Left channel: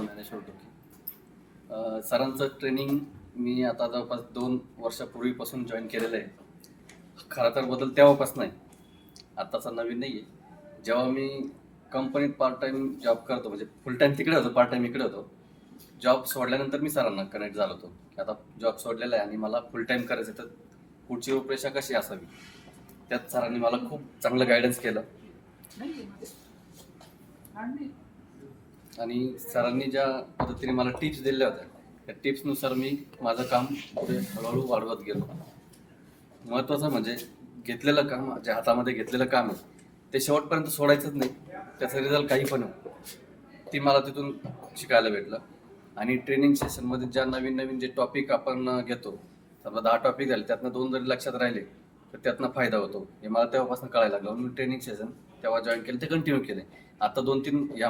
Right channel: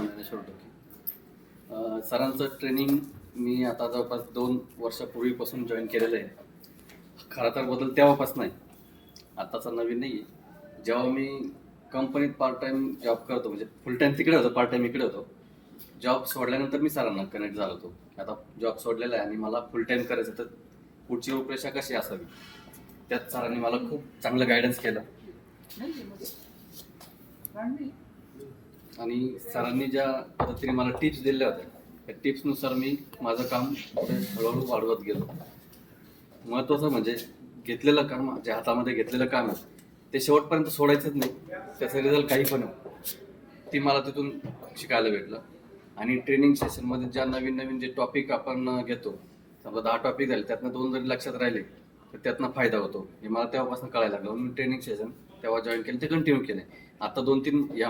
ज्ञानेश्वर डोके. सरांचं ट्रेनिंग मी आता जवळपास 2 वर्षापूर्वीपासून जॉईन केलेलं आहे. खरं तर बदल तेव्हापासून आहे, आत्ताचा नवीन नाही आहे. जेव्हा मी कंपनीत पार्ट टाईम जॉब करतो, म्हणजे फुल टाईम तिकडे होतो, पार्ट टाईम इकडे होतो. जॉब सोडल्यानंतर मी सरांना कनेक्ट झालो होतो. आता जॉब सोडलेला आहे आणि मला फुल टाईम करायचं, तर पुढची रूपरेषा कशी असावी त्यात सरांनी मला खूप चांगलं गायडन्स केलं. आणि सरांनी ज्या पद्धतीने मला टिप्स दिल्या होत्या, त्या टिप्सनुसार मी माझं काम पुढे हळूहळू वाढवत गेलो. महत्त्वाचं म्हणजे घेतलेलं काम, जे हातामध्ये घेतलेलं काम आहे ते शेवटपर्यंत सोडायचंच नाही. त्याचा रिझल्ट काही पण हो, ती मला तिथून शिकायला भेटलं. आणि ट्रेनिंग सेशनमध्ये ज्या नवीन नवीन जे टॉपिक आपण घेतो, समजा 10 टॉपिक झाले, त्यातनं 2 जरी लक्षात राहिले तर त्यातनं फायदा होतो, हे मला तेव्हापासून कळायला लागलं. म्हणून मी ट्रेनिंग सेशन तेव्हा जॉईन केलं, ते कंटिन्यू केले. आता 2-3 या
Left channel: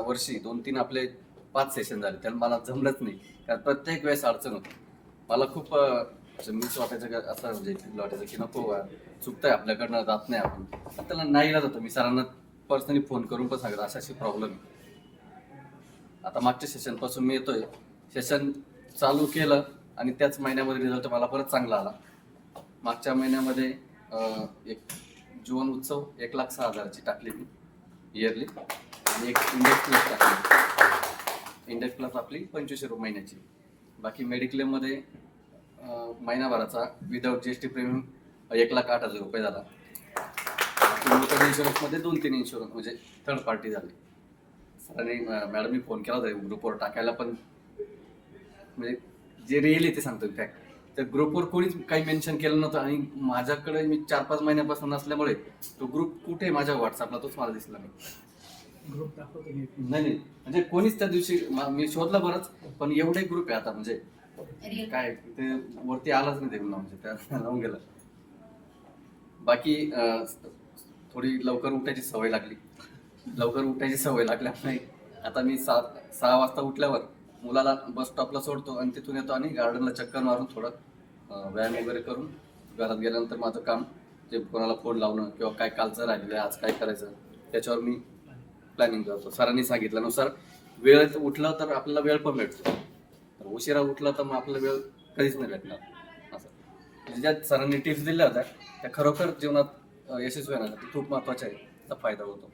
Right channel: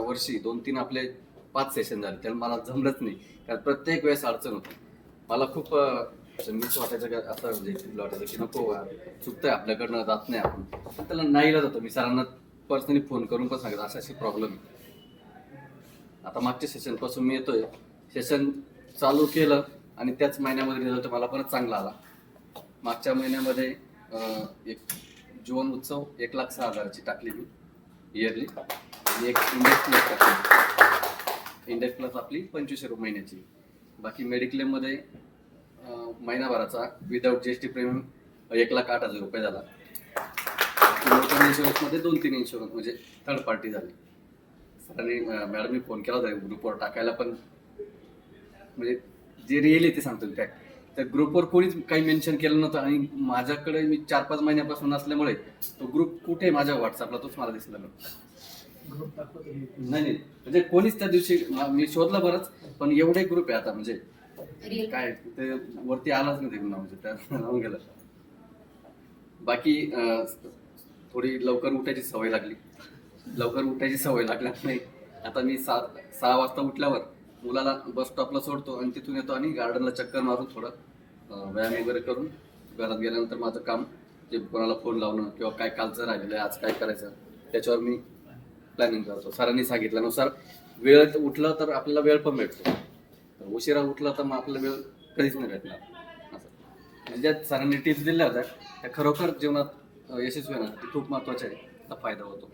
वर्षी 2-3 आपले 5 सेशन झाले. त्याला मला जमलंच नाही, कारण प्रत्येक वेळेस अडचण होती. मला खूप मीच वाटायचं की असं, म्हणजे वाटायचं की नको, चुकतंय आपल्याकडनं, जात नाही आपण. पण त्याला नाही इलाज होतं. मी सरांना पर्सनली फोन करून पण सांगितलं अशी प्रॉब्लेम आहे. आता मागच्या सेशनपासून मी येतोय, सेशन चालू केलं आणि त्याच महिन्यामध्ये रिझल्ट मला परत चांगला आला. मागच्या महिन्यामध्ये एक जीवन उत्सव 1,06,000ची टाकली मी इयरली, आणि एक इंडेक्स प्लस टाकली. इंडेक्स प्लस आपली 2500 रुपये महिन्याची. बाकी मेडिक्लेममध्ये महिनाभराचा विदाऊट GST प्रीमियम 1,08,000 रुपये झाला. मोटर इन्शुरन्समध्ये 2-3 इन्शुरन्स म्हणजे थर्ड पार्टी झाली. आणि मॅडमनी फोन केला होता ग्रुपवर टाकायला, पण म्हणजे जे रिअल आहे ते सांगतो. काय त्या ग्रुपवर कोणीच काही मेन्शन केलं नव्हतं, आणि माझ्याकडे मी 4-5 महिन्यापासून असल्यामुळे तो ग्रुप कुठे माझ्या व्हॉट्सअपला तोच मला दिसला नाही. नाही, म्हणजे कोणीच त्या दिवशी मी शोधलं बरंच, पण एवढे ग्रुप आहे आता, म्हणजे काय ते वरती आलाच नाही ते पुन्हा, म्हणजे त्या लावून गेलं. बाकी थोडी लवकर उठायची सवय लागली. नाही, आता मी 6 वाजता उठल्यावर मुलाला बस स्टॉपला सोडतो आणि तिथून येतो आणि गार्डनला चक्कर मारून थोडं व्यायाम वगैरे करून घरात गेल्यानंतर माझं काम, जे कोणाला फोन लावणं किंवा काय कालचं राहिलेलं आहे, आज काय करायचं, त्याच्यावर मी प्लॅनिंग करतो. सरांनी सांगितल्यानुसार वेळ उठलं तर आपल्याला वेळ पण भेटतो, उशिरा उठला तर मग आपल्याला वेळ कधीच नाही भेटणार. असं म्हणजे ज्या सरांनी टिप्स दिल्या होत्या त्या खरोखर जीवनात यशस्वी होण्यासाठी खूप महत्त्वाच्या आहे, त्याचा फायदा होतो.